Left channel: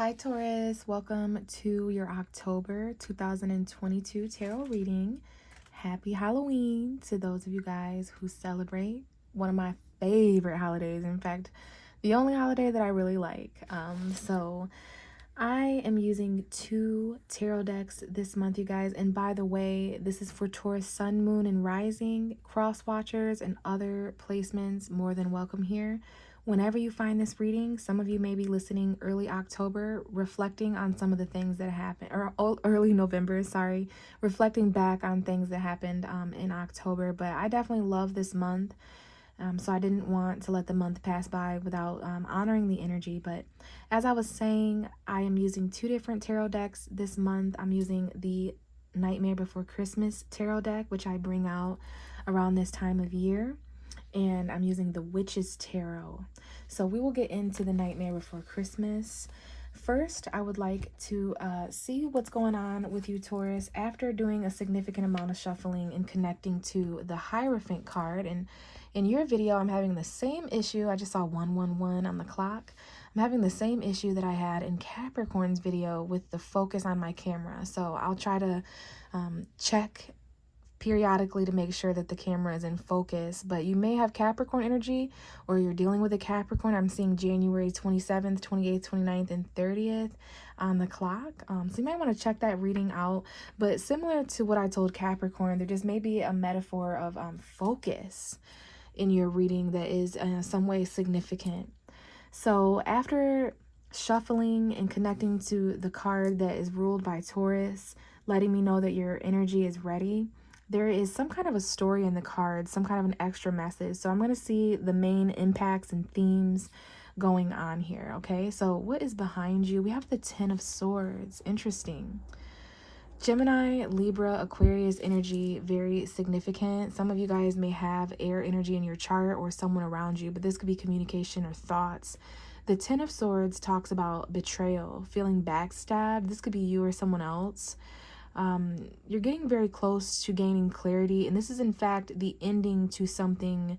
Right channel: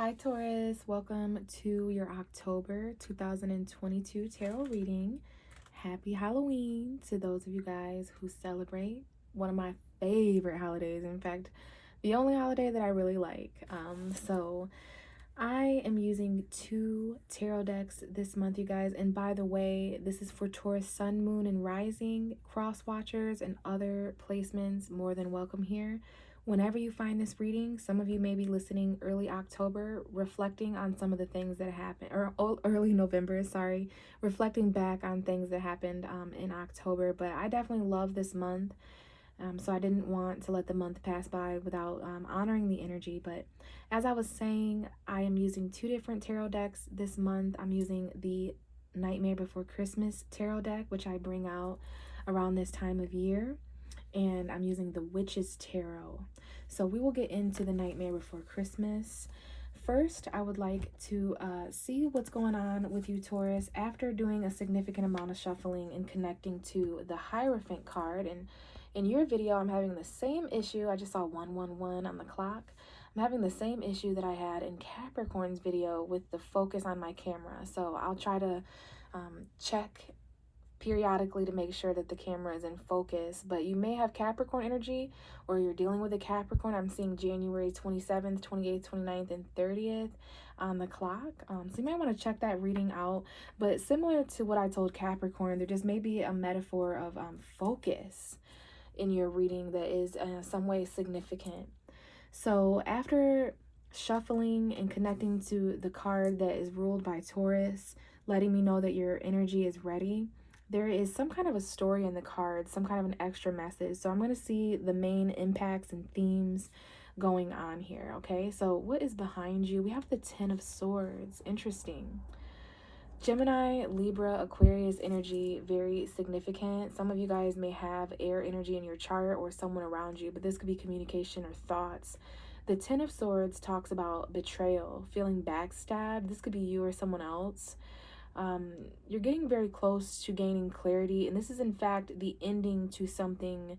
Hi Taurus, welcome to your October 2022 tarot reading. Happy Halloween to those of you guys who celebrate one of my favorite holidays. In fact, the only holiday that I really like. So I am using 2 tarot decks this month, you guys. And by the way, this is for Taurus Sun, Moon, and Rising cross watchers and other placements. More than welcome here. Whenever you find this reading, some of you may be listening early October, reflecting on some of the things that happened, or early November, sorry, reflecting back on things that happened in October. But I definitely love this month, so I didn't want to let the month pass by without honoring the energy. But as I was saying, I am using 2 different tarot decks this month. I'm using the Nightmare Before Christmas tarot deck, which I bring out around this time of year, and I'm using the Witch's Tarot. So we will get into the Nightmare Before Christmas. First, I would like to see what's going on with you, Taurus, after doing a significant amount of shuffling and connecting to the Hierophant card. And in your video, I'm having the same issue. I just saw 111 on the clock. I'm having the same issue that I had in Capricorn's video with the focus on my camera. So I'll try to check periodically to make sure that the camera is in focus. But you may have Capricorn energy, or you're dealing with a Capricorn. I'm seeing January 27th, 28th, 29th, and 30th on the clock. So you might want to check that reading out. But similar to what I told Capricorn, there just may be a metaphor of focus in your reading that is in some way significant. So after shuffling and connecting to the card that is ruled by Taurus, letting me know that your energy is ready, there is some kind of a story in the cards, some kind of an extra message. So I'm going to see the main impacts and themes going on here, okay? So what is behind you? We have the Ten of Swords. Interesting. Gemini, Libra, Aquarius energy, very significant. Some of you guys may have air energy in your chart or someone around you, but this could be communication or thoughts. The Ten of Swords talks about betrayal, feeling backstabbed. This could be you or someone else. You're getting very close to gaining clarity, and this is in fact the ending to something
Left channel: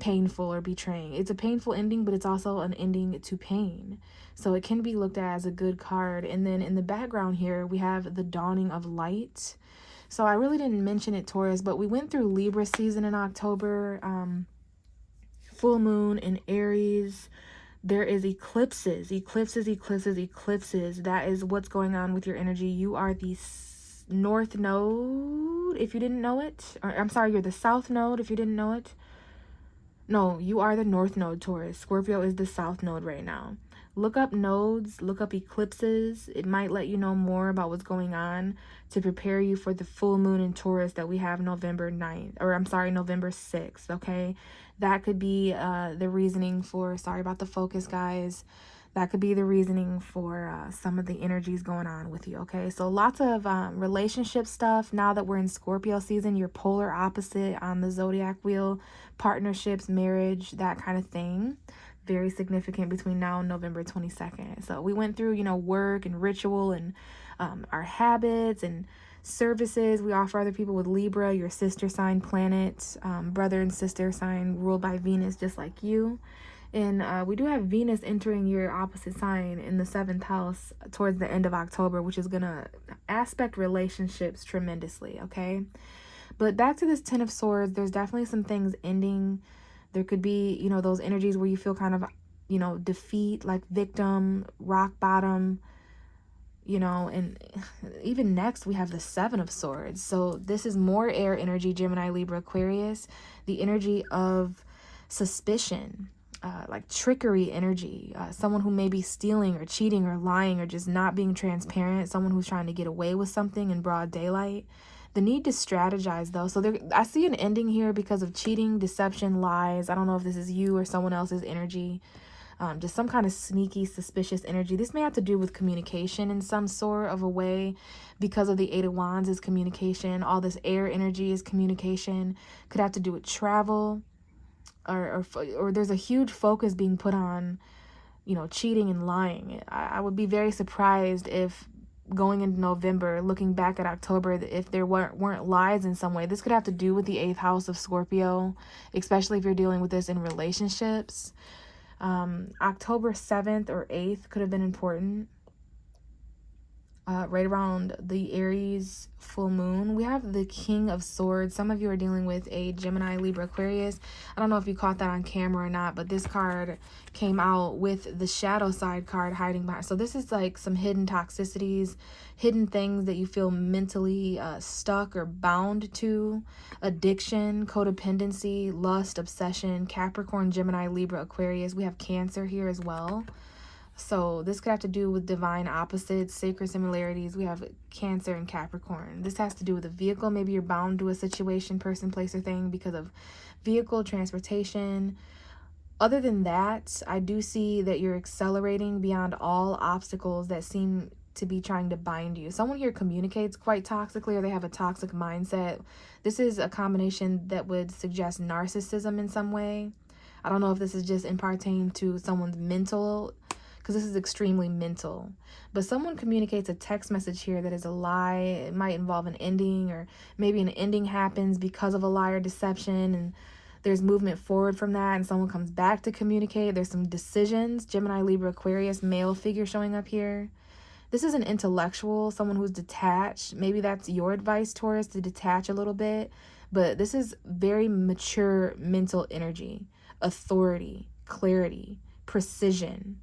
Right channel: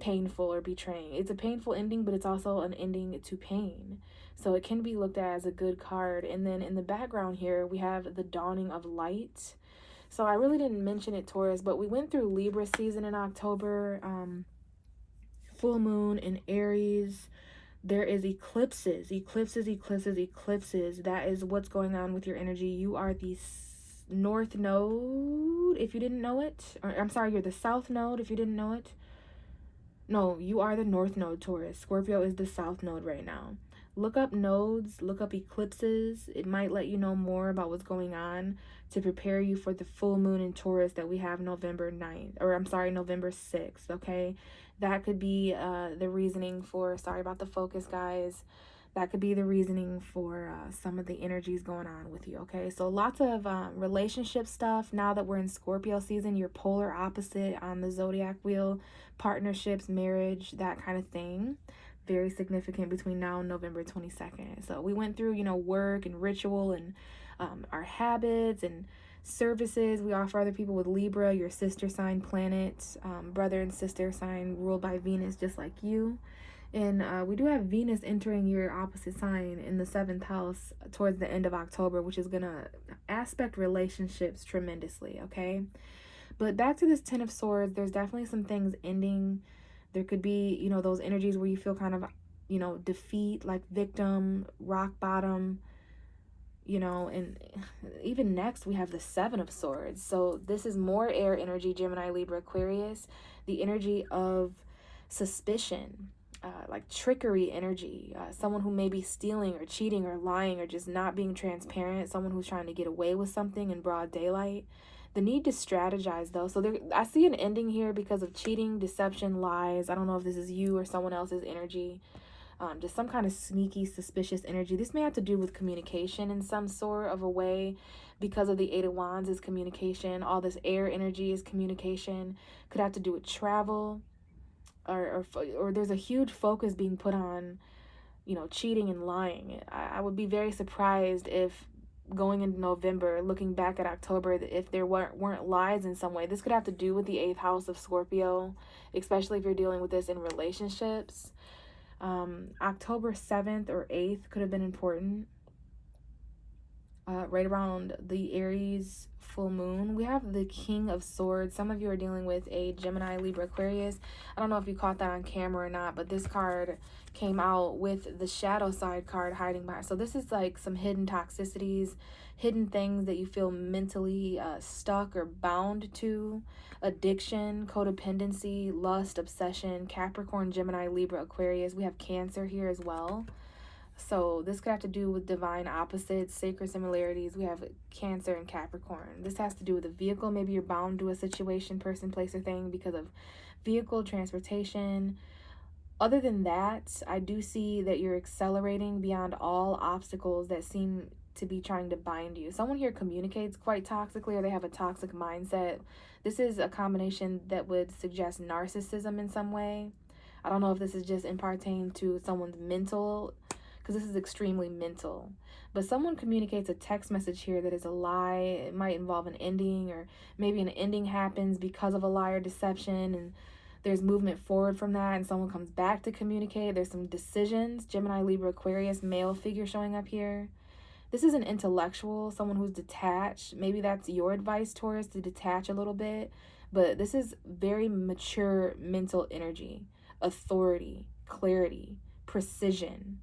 painful or betraying. It's a painful ending, but it's also an ending to pain. So it can be looked at as a good card. And then in the background here, we have the dawning of light. So I really didn't mention it, Taurus, but we went through Libra season in October, full moon in Aries. There is eclipses. That is what's going on with your energy. You are the North Node, if you didn't know it. Or, I'm sorry, you're the South Node, if you didn't know it. No, you are the North Node, Taurus. Scorpio is the South Node right now. Look up nodes, look up eclipses. It might let you know more about what's going on to prepare you for the full moon in Taurus that we have November 6th, okay? That could be the reasoning for, sorry about the focus, guys. That could be the reasoning for some of the energies going on with you, okay? So lots of relationship stuff. Now that we're in Scorpio season, you're polar opposite on the zodiac wheel. Partnerships, marriage, that kind of thing. Very significant between now and November 22nd. So we went through, work and ritual and our habits and services we offer other people with Libra, your sister sign planet, brother and sister sign ruled by Venus, just like you. And we do have Venus entering your opposite sign in the 7th house towards the end of October, which is going to aspect relationships tremendously, okay? But back to this Ten of Swords, there's definitely some things ending. There could be, those energies where you feel kind of, defeat, like victim, rock bottom, and even next we have the Seven of Swords. So this is more air energy, Gemini, Libra, Aquarius, the energy of suspicion, like trickery energy, someone who may be stealing or cheating or lying or just not being transparent, someone who's trying to get away with something in broad daylight. The need to strategize, though. So I see an ending here because of cheating, deception, lies. I don't know if this is you or someone else's energy. Just some kind of sneaky, suspicious energy. This may have to do with communication in some sort of a way because of the Eight of Wands is communication. All this air energy is communication. Could have to do with travel, or there's a huge focus being put on, cheating and lying. I would be very surprised if going into November, looking back at October, if there weren't lies in some way. This could have to do with the 8th house of Scorpio, especially if you're dealing with this in relationships. October 7th or 8th could have been important. Right around the Aries full moon. We have the King of Swords. Some of you are dealing with a Gemini, Libra, Aquarius. I don't know if you caught that on camera or not, but this card came out with the shadow side card hiding behind. So this is like some hidden toxicities, hidden things that you feel mentally stuck or bound to, addiction, codependency, lust, obsession, Capricorn, Gemini, Libra, Aquarius. We have Cancer here as well. So this could have to do with divine opposites, sacred similarities. We have Cancer and Capricorn. This has to do with a vehicle. Maybe you're bound to a situation, person, place, or thing because of vehicle, transportation. Other than that, I do see that you're accelerating beyond all obstacles that seem to be trying to bind you. Someone here communicates quite toxically, or they have a toxic mindset. This is a combination that would suggest narcissism in some way. I don't know if this is just imparting to someone's mental, because this is extremely mental. But someone communicates a text message here that is a lie. It might involve an ending, or maybe an ending happens because of a lie or deception, and there's movement forward from that, and someone comes back to communicate. There's some decisions. Gemini, Libra, Aquarius, male figure showing up here. This is an intellectual, someone who's detached. Maybe that's your advice, Taurus, to detach a little bit. But this is very mature mental energy, authority, clarity, precision.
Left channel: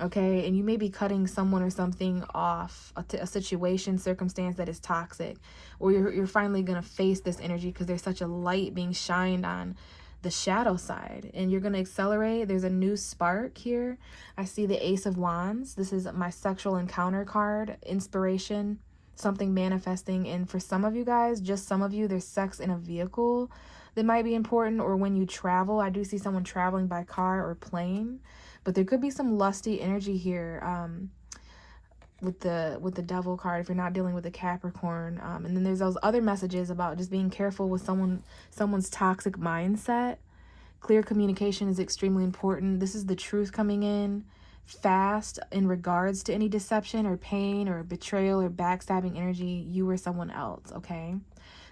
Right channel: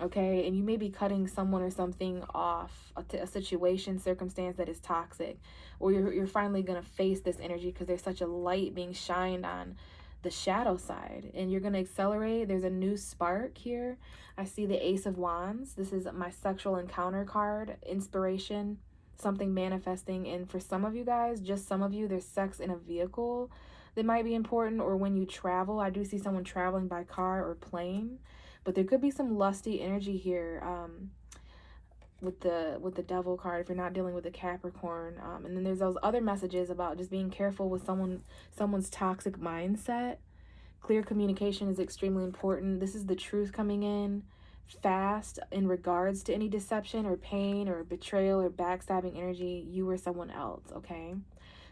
Okay, and you may be cutting someone or something off, a situation, circumstance that is toxic, or you're finally going to face this energy because there's such a light being shined on the shadow side, and you're going to accelerate. There's a new spark here. I see the Ace of Wands. This is my sexual encounter card, inspiration, something manifesting. And for some of you guys, just some of you, there's sex in a vehicle that might be important, or when you travel. I do see someone traveling by car or plane. But there could be some lusty energy here with the Devil card if you're not dealing with a Capricorn. And then there's those other messages about just being careful with someone's toxic mindset. Clear communication is extremely important. This is the truth coming in fast in regards to any deception or pain or betrayal or backstabbing energy, you or someone else, okay?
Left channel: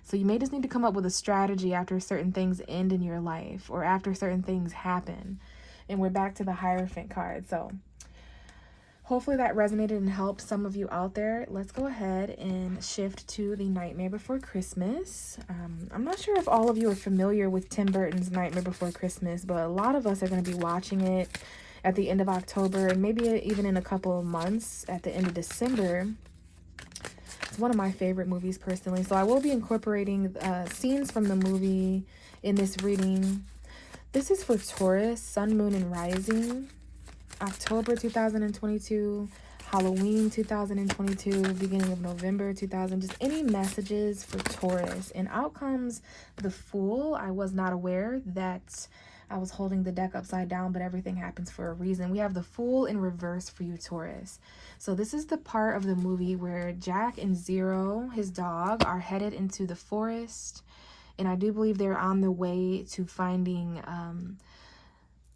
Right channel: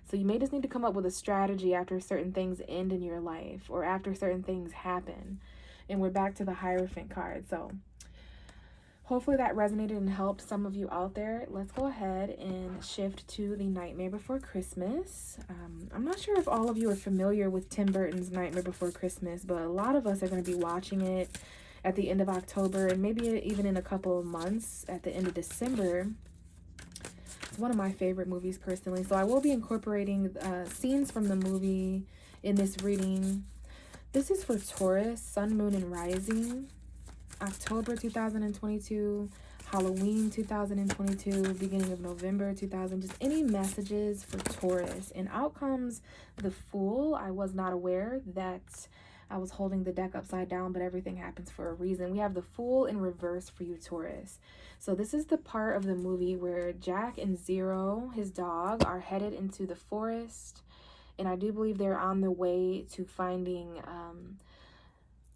So you may just need to come up with a strategy after certain things end in your life or after certain things happen. And we're back to the Hierophant card. So hopefully that resonated and helped some of you out there. Let's go ahead and shift to the Nightmare Before Christmas. I'm not sure if all of you are familiar with Tim Burton's Nightmare Before Christmas, but a lot of us are going to be watching it at the end of October and maybe even in a couple of months at the end of December. It's one of my favorite movies personally. So I will be incorporating scenes from the movie in this reading. This is for Taurus, Sun, Moon, and Rising, October 2022, Halloween 2022, beginning of November 2000. Just any messages for Taurus. And out comes the Fool. I was not aware that I was holding the deck upside down, but everything happens for a reason. We have the Fool in reverse for you, Taurus. So this is the part of the movie where Jack and Zero, his dog, are headed into the forest. And I do believe they're on their way to finding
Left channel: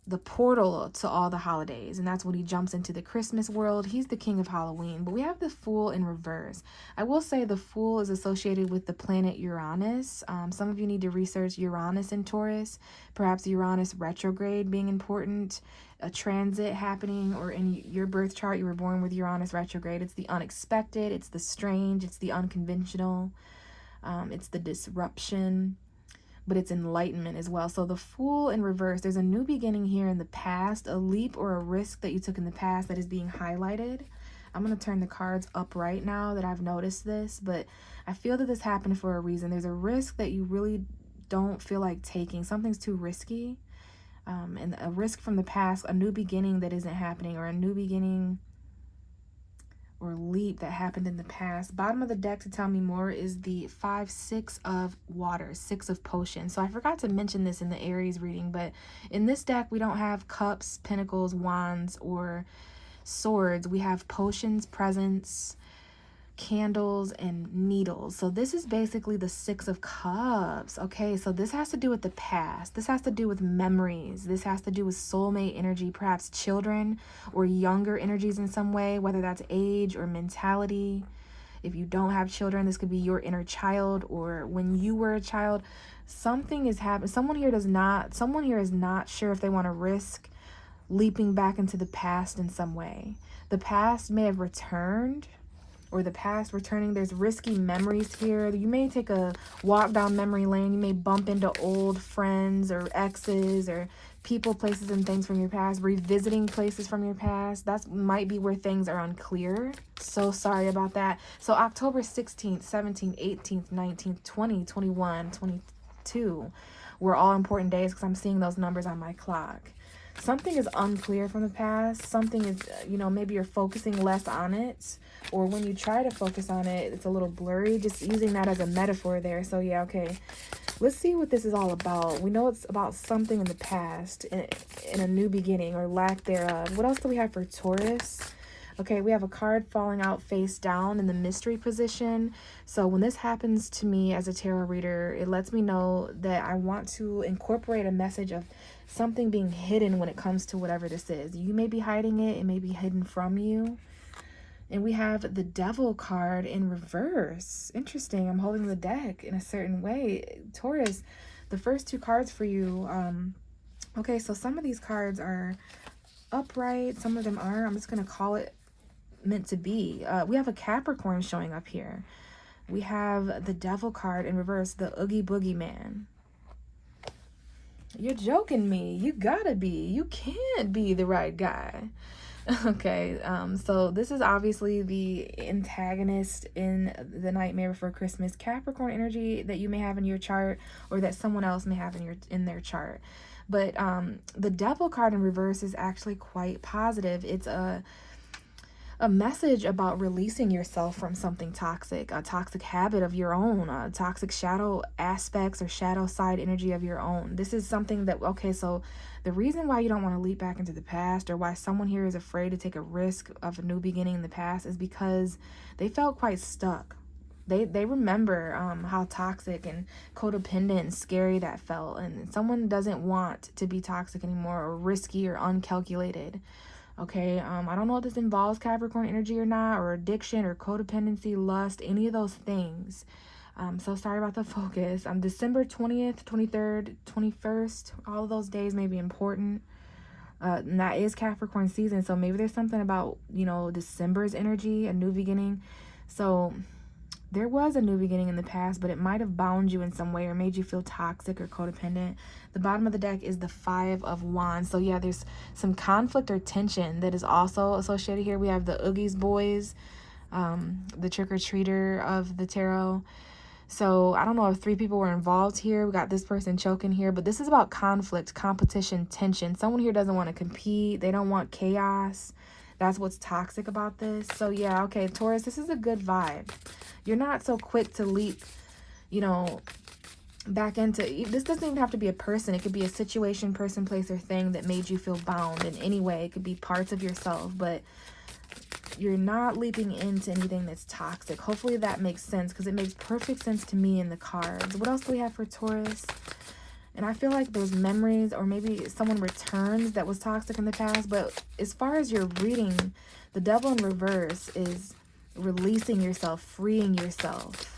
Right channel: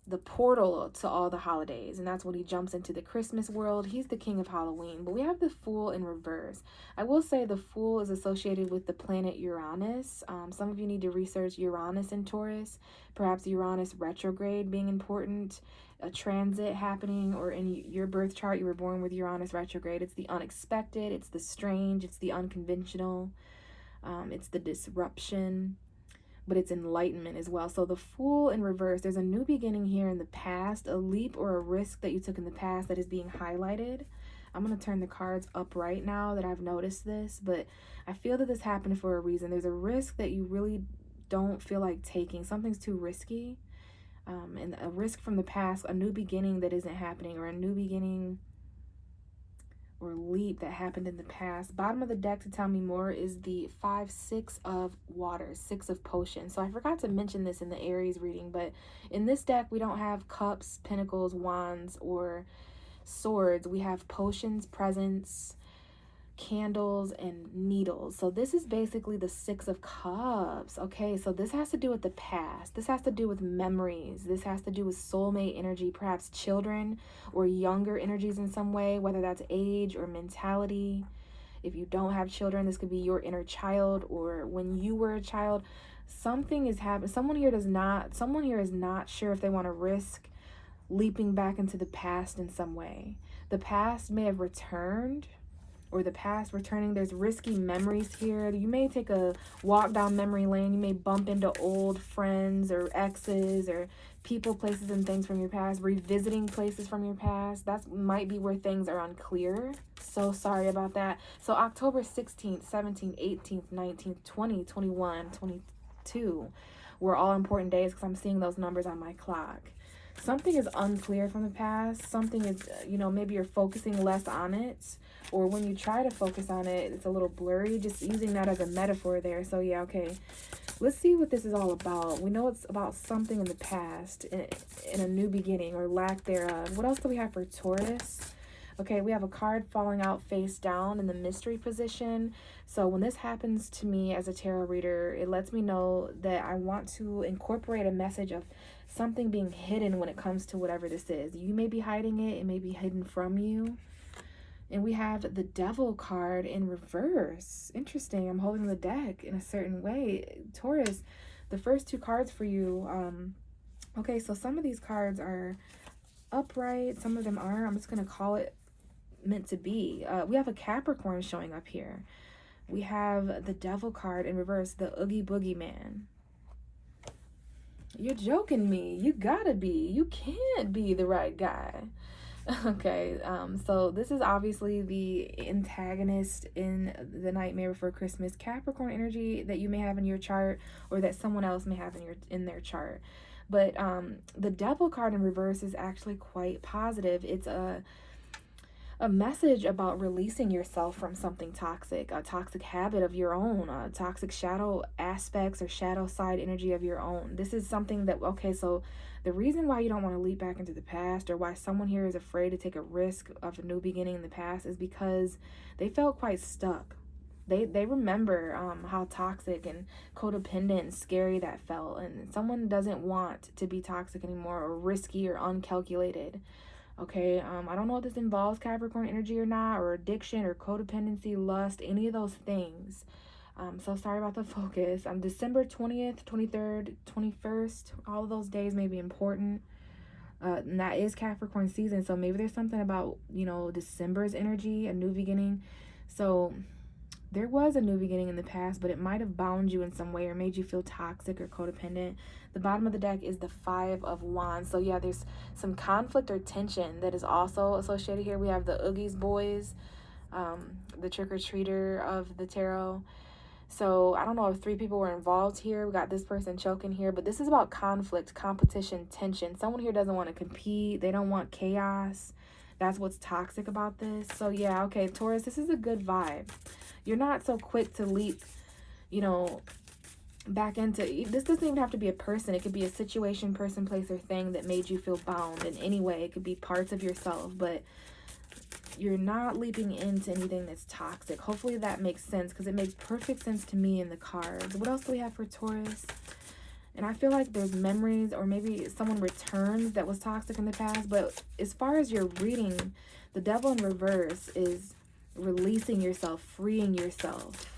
the portal to all the holidays. And that's when he jumps into the Christmas world. He's the king of Halloween. But we have the Fool in reverse. I will say the Fool is associated with the planet Uranus. Some of you need to research Uranus in Taurus. Perhaps Uranus retrograde being important. A transit happening, or in your birth chart you were born with Uranus retrograde. It's the unexpected. It's the strange. It's the unconventional. It's the disruption, but it's enlightenment as well. So the Fool in reverse, there's a new beginning here in the past, a leap or a risk that you took in the past that is being highlighted. I'm going to turn the cards up right now that I've noticed this, but I feel that this happened for a reason. There's a risk that you really don't feel like taking. Something's too risky, and a risk from the past, a new beginning that isn't happening, or a new beginning or leap that happened in the past. Bottom of the deck to tell me more is the 5-6 of water, 6 of potions. So I forgot to mention this in the Aries reading, but in this deck we don't have cups, pentacles, wands, or swords. We have potions, presents, candles, and needles. So this is basically the 6 of cups. Okay, so this has to do with the past. This has to do with memories. This has to do with soulmate energy, perhaps children or younger energies in some way, whether that's age or mentality. If you don't have children, this could be your inner child, or when you were a child. Something is happening. Someone here is not sure if they want to risk leaping back into the past in some way. The past may have returned, or the past returning. There's risky memories here. You may take a walk down memory lane. You may bump into old friends or exes or people, places, and things from your past. Revisiting places from your past. That might be where things are unclear. So sorry about that. So October 16th, 17th, 18th, 19th, 20, 21, 22 were all important days because I'm seeing those numbers on my clock. Something is unclear from the past. Something is, maybe you're focusing less on it. Or when you try to focus on it, it's a little blurry. Just using that as a metaphor there. So yeah, okay. Let's see what this is all about. We know it's about something in the past, in a new beginning or lack thereof. What else do we have for Taurus? Okay, we have a card falling out face down in the mystery position. So when this happens to me as a tarot reader, it lets me know that I want to incorporate a message of something being hidden when it comes to whatever this is. You may be hiding it. It may be hidden from you. And we have the Devil card in reverse. Interesting. I'm holding the deck in a certain way. Taurus, the first two cards for you. Okay, so some of these cards are upright. Some of them are. I'm just going to call it meant to be. We have a Capricorn showing up here. We have the Devil card in reverse, the Oogie Boogie Man. You're joking me. You gotta be. You can't be the right guy. Okay, so this is obviously the antagonist in the Nightmare Before Christmas Capricorn energy that you may have in your chart, or that someone else may have in their chart. But the Devil card in reverse is actually quite positive. It's a message about releasing yourself from something toxic, a toxic habit of your own, toxic shadow aspects or shadow side energy of your own. This is something that, okay, so the reason why you don't want to leap back into the past, or why someone here is afraid to take a risk of a new beginning in the past, is because they felt quite stuck. They remember how toxic and codependent and scary that felt, and someone doesn't want to be toxic anymore, or risky or uncalculated. Okay, I don't know if this involves Capricorn energy or not, or addiction or codependency, lust, any of those things. So sorry about the focus. December 20th, 23rd, 21st, all of those days may be important. And that is Capricorn season, so maybe there's something about, December's energy, a new beginning. So there was a new beginning in the past, but it might have bound you in some way or made you feel toxic or codependent. The bottom of the deck is the Five of Wands. So yeah, there's some conflict or tension that is also associated here. We have the Oogie's Boys, the trick-or-treater of the tarot. So I don't know if 3 people were involved here. We got this person choking here, but this is about conflict, competition, tension. Someone here doesn't want to compete. They don't want chaos. That's what's toxic about this. So yeah, okay, Taurus, this is a good vibe. You're not so quick to leap, back into, this doesn't even have to be a person. It could be a situation, person, place, or thing that made you feel bound in any way. It could be parts of yourself, but you're not leaping into anything that's toxic. Hopefully that makes sense, because it makes perfect sense to me in the cards. What else do we have for Taurus? And I feel like there's memories, or maybe someone returns that was toxic in the past. But as far as your reading, the Devil in reverse is releasing yourself, freeing yourself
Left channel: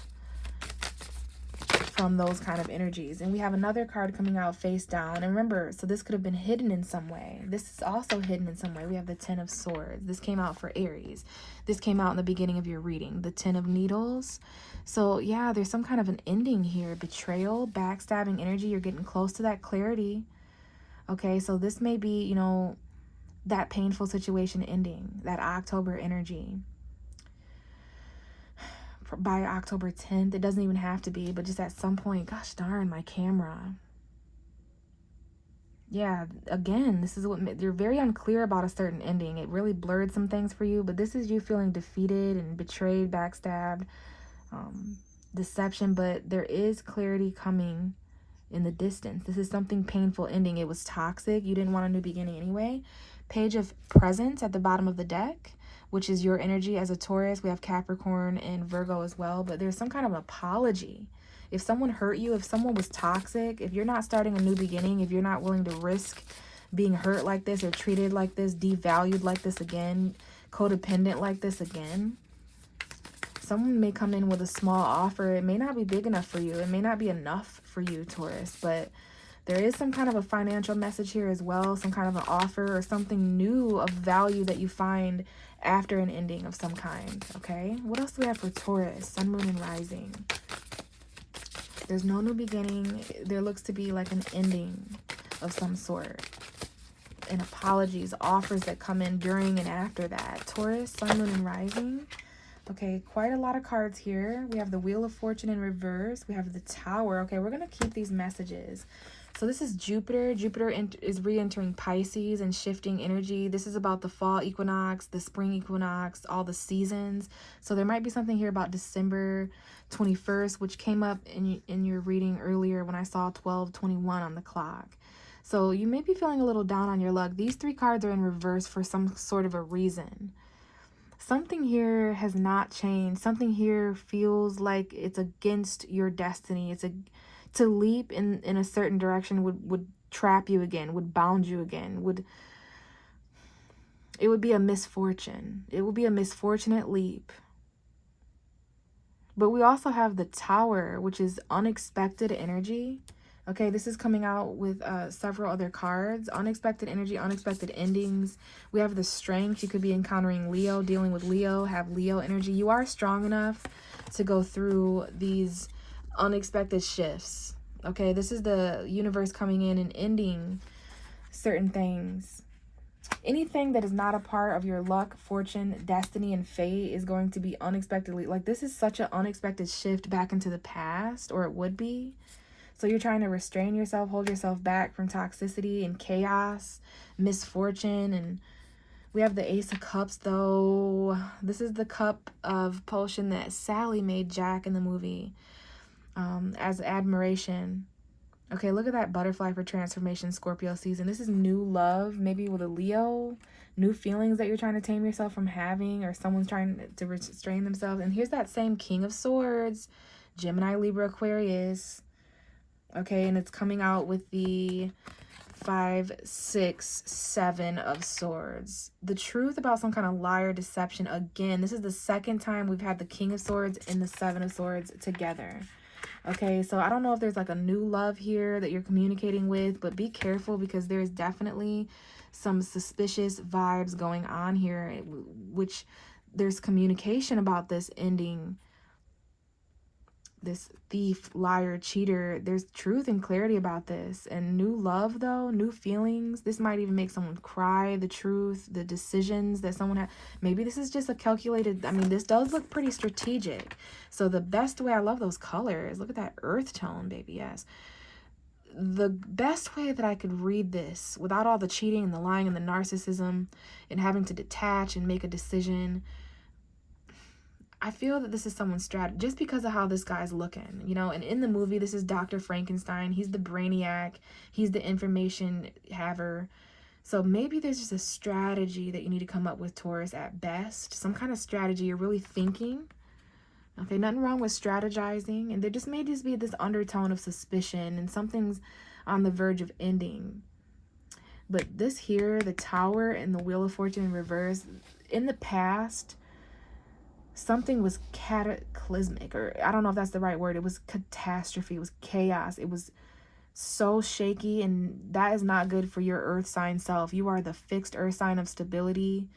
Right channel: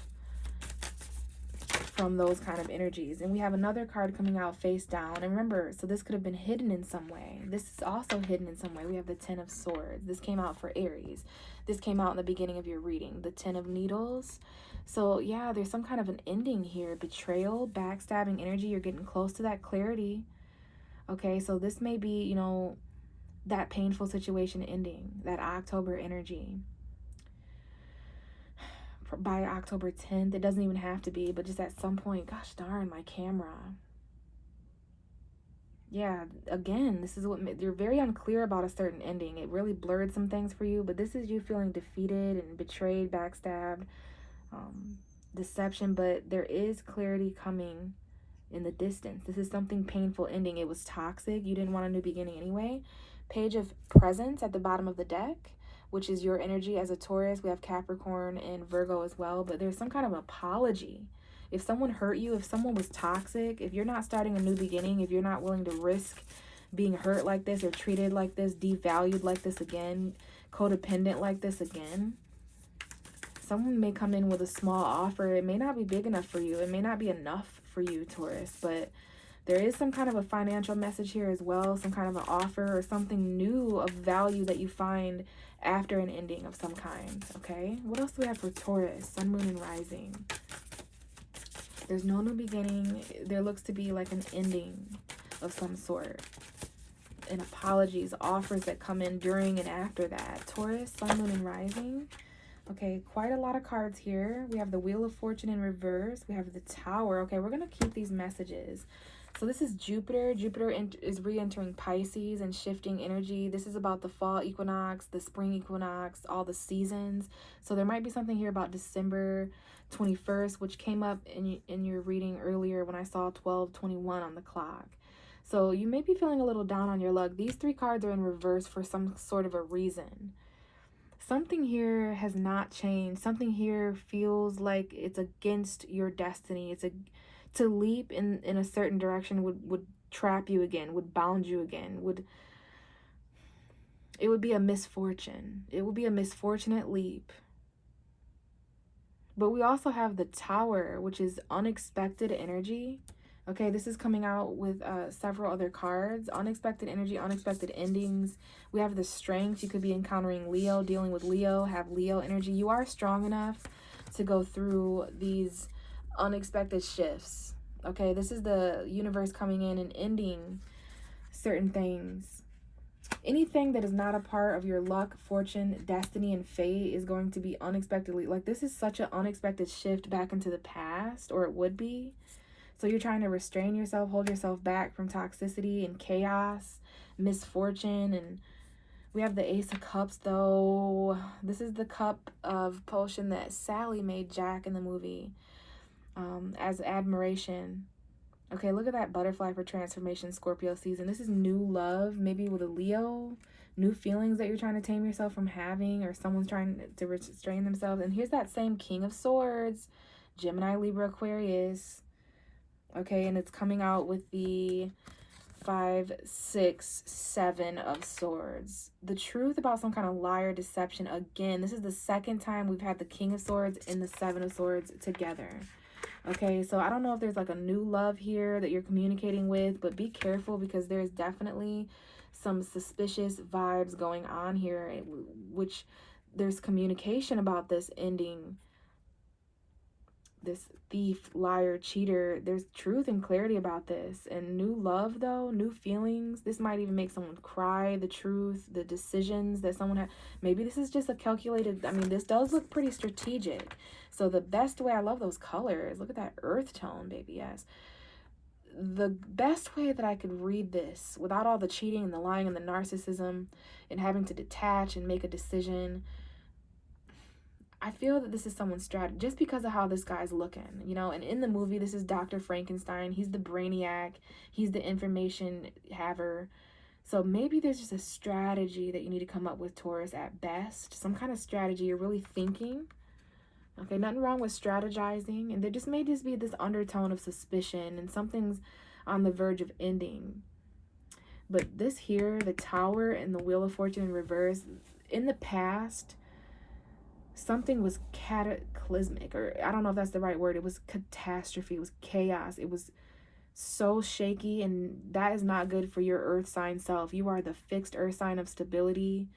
from those kind of energies. And we have another card coming out face down. And remember, so this could have been hidden in some way. This is also hidden in some way. We have the Ten of Swords. This came out for Aries. This came out in the beginning of your reading. The Ten of Needles. So yeah, there's some kind of an ending here. Betrayal, backstabbing energy. You're getting close to that clarity. Okay, so this may be, that painful situation ending. That October energy. By October 10th. It doesn't even have to be, but just at some point. Gosh darn, my camera. Yeah, again, this is what you're very unclear about, a certain ending. It really blurred some things for you, but this is you feeling defeated and betrayed, backstabbed, deception, but there is clarity coming in the distance. This is something painful ending. It was toxic. You didn't want a new beginning anyway. Page of Presents at the bottom of the deck, which is your energy as a Taurus. We have Capricorn and Virgo as well, but there's some kind of apology. If someone hurt you, if someone was toxic, if you're not starting a new beginning, if you're not willing to risk being hurt like this or treated like this, devalued like this again, codependent like this again, someone may come in with a small offer. It may not be big enough for you. It may not be enough for you, Taurus, but There is some kind of a financial message here as well, some kind of an offer or something new of value that you find after an ending of some kind, okay? What else do we have for Taurus? Sun, Moon, and Rising. There's no new beginning. There looks to be like an ending of some sort. And apologies, offers that come in during and after that. Taurus, Sun, Moon, and Rising. Okay, quite a lot of cards here. We have the Wheel of Fortune in reverse. We have the Tower. Okay, we're going to keep these messages. So this is Jupiter. Jupiter is re-entering Pisces and shifting energy. This is about the fall equinox, the spring equinox, all the seasons. So there might be something here about December 21st, which came up in your reading earlier when I saw 12:21 on the clock. So you may be feeling a little down on your luck. These three cards are in reverse for some sort of a reason. Something here has not changed. Something here feels like it's against your destiny. To leap in a certain direction would trap you again, would bound you again, it would be a misfortune. It would be a misfortunate leap. But we also have the Tower, which is unexpected energy. Okay, this is coming out with several other cards. Unexpected energy, unexpected endings. We have the Strength. You could be encountering Leo, dealing with Leo, have Leo energy. You are strong enough to go through these unexpected shifts. Okay, this is the universe coming in and ending certain things. Anything that is not a part of your luck, fortune, destiny, and fate is going to be unexpectedly, like this is such an unexpected shift back into the past, or it would be. So you're trying to restrain yourself, hold yourself back from toxicity and chaos, misfortune. And we have the Ace of Cups, though. This is the cup of potion that Sally made Jack in the movie as admiration. Okay, look at that butterfly for transformation, Scorpio season. This is new love, maybe with a Leo. New feelings that you're trying to tame yourself from having, or someone's trying to restrain themselves. And here's that same King of Swords, Gemini, Libra, Aquarius. Okay, and it's coming out with the 5, 6, 7 of Swords. The truth about some kind of liar, deception. Again, this is the second time we've had the King of Swords and the 7 of Swords together. Okay, so I don't know if there's like a new love here that you're communicating with, but be careful because there's definitely some suspicious vibes going on here, which there's communication about this ending. This thief, liar, cheater, there's truth and clarity about this. And new love, though, new feelings. This might even make someone cry, the truth, the decisions that someone had. Maybe this is just a calculated, I mean, this does look pretty strategic. So the best way, I love those colors. Look at that earth tone, baby, yes. The best way that I could read this without all the cheating and the lying and the narcissism and having to detach and make a decision, I feel that this is someone's strategy just because of how this guy's looking, you know. And in the movie, this is Dr. Frankenstein. He's the brainiac. He's the information haver. So maybe there's just a strategy that you need to come up with, Taurus, at best. Some kind of strategy you're really thinking. Okay, nothing wrong with strategizing. And there just may just be this undertone of suspicion and something's on the verge of ending. But this here, the Tower and the Wheel of Fortune in reverse, in the past, something was cataclysmic, or I don't know if that's the right word. It was catastrophe. It was chaos. It was so shaky, and that is not good for your earth sign self. You are the fixed earth sign of stability.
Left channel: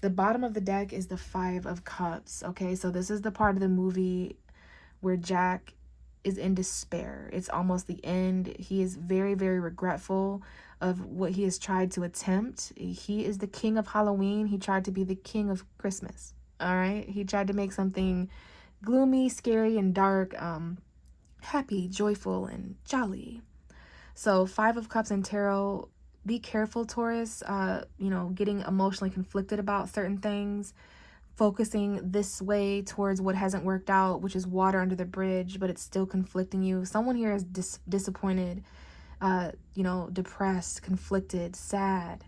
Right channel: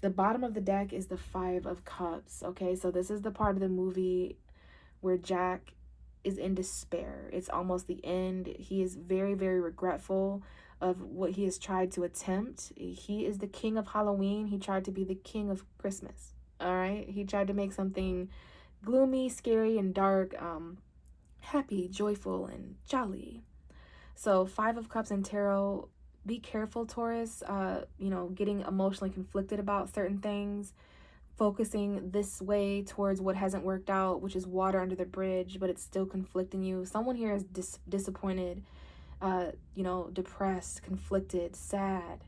The bottom of the deck is the 5 of Cups. Okay, so this is the part of the movie where Jack is in despair. It's almost the end. He is very, very regretful of what he has tried to attempt. He is the king of Halloween. He tried to be the king of Christmas. All right, he tried to make something gloomy, scary, and dark happy, joyful, and jolly. So 5 of Cups in tarot, be careful, Taurus, you know, getting emotionally conflicted about certain things, focusing this way towards what hasn't worked out, which is water under the bridge, but it's still conflicting you. Someone here is disappointed, you know, depressed, conflicted, sad.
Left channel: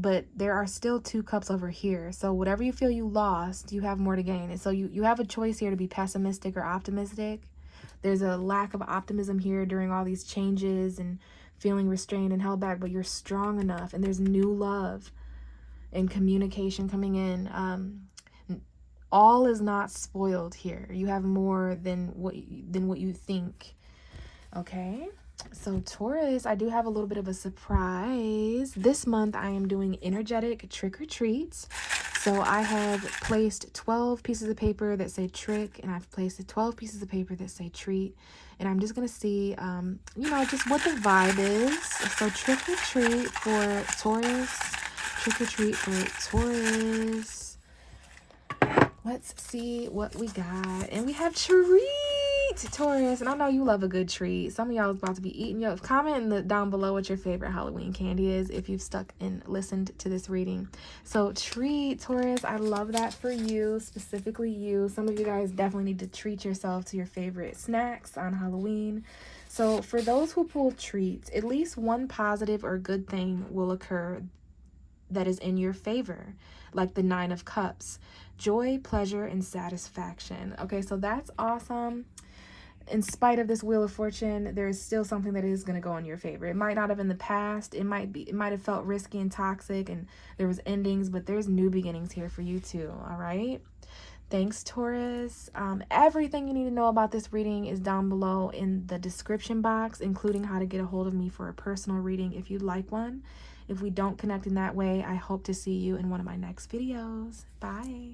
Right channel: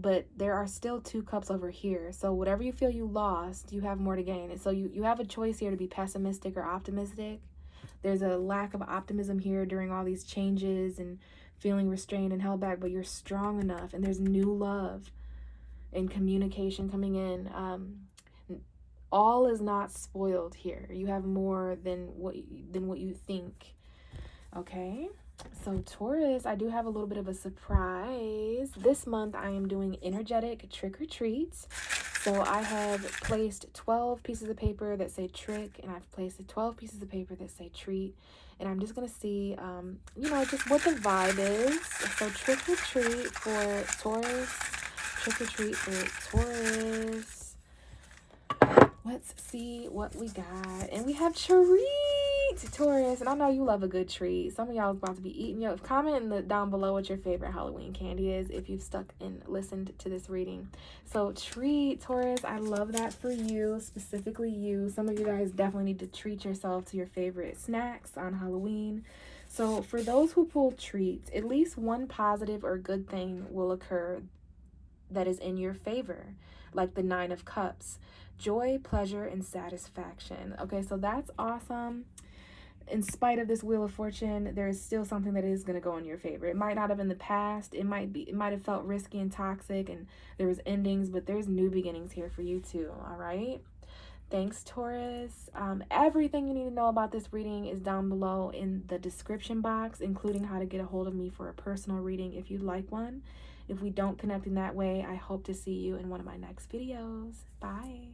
But there are still 2 cups over here. So whatever you feel you lost, you have more to gain. And so you have a choice here to be pessimistic or optimistic. There's a lack of optimism here during all these changes and feeling restrained and held back, but you're strong enough, and there's new love and communication coming in. All is not spoiled here. You have more than what you think. Okay? So Taurus, I do have a little bit of a surprise. This month I am doing energetic trick or treats. So I have placed 12 pieces of paper that say trick, and I've placed 12 pieces of paper that say treat. And I'm just going to see, just what the vibe is. So trick or treat for Taurus. Trick or treat for Taurus. Let's see what we got. And we have treat, Taurus. And I know you love a good treat. Some of y'all is about to be eating. Comment down below what your favorite Halloween candy is if you've stuck and listened to this reading. So treat, Taurus. I love that for you, specifically you. Some of you guys definitely need to treat yourself to your favorite snacks on Halloween. So for those who pull treats, at least one positive or good thing will occur that is in your favor, like the 9 of Cups. Joy, pleasure, and satisfaction. Okay, so that's awesome. In spite of this Wheel of Fortune, there is still something that is going to go in your favor. It might not have in the past. It might have felt risky and toxic, and there was endings, but there's new beginnings here for you too. All right. Thanks, Taurus. Everything you need to know about this reading is down below in the description box, including how to get a hold of me for a personal reading if you'd like one. If we don't connect in that way, I hope to see you in one of my next videos. Bye.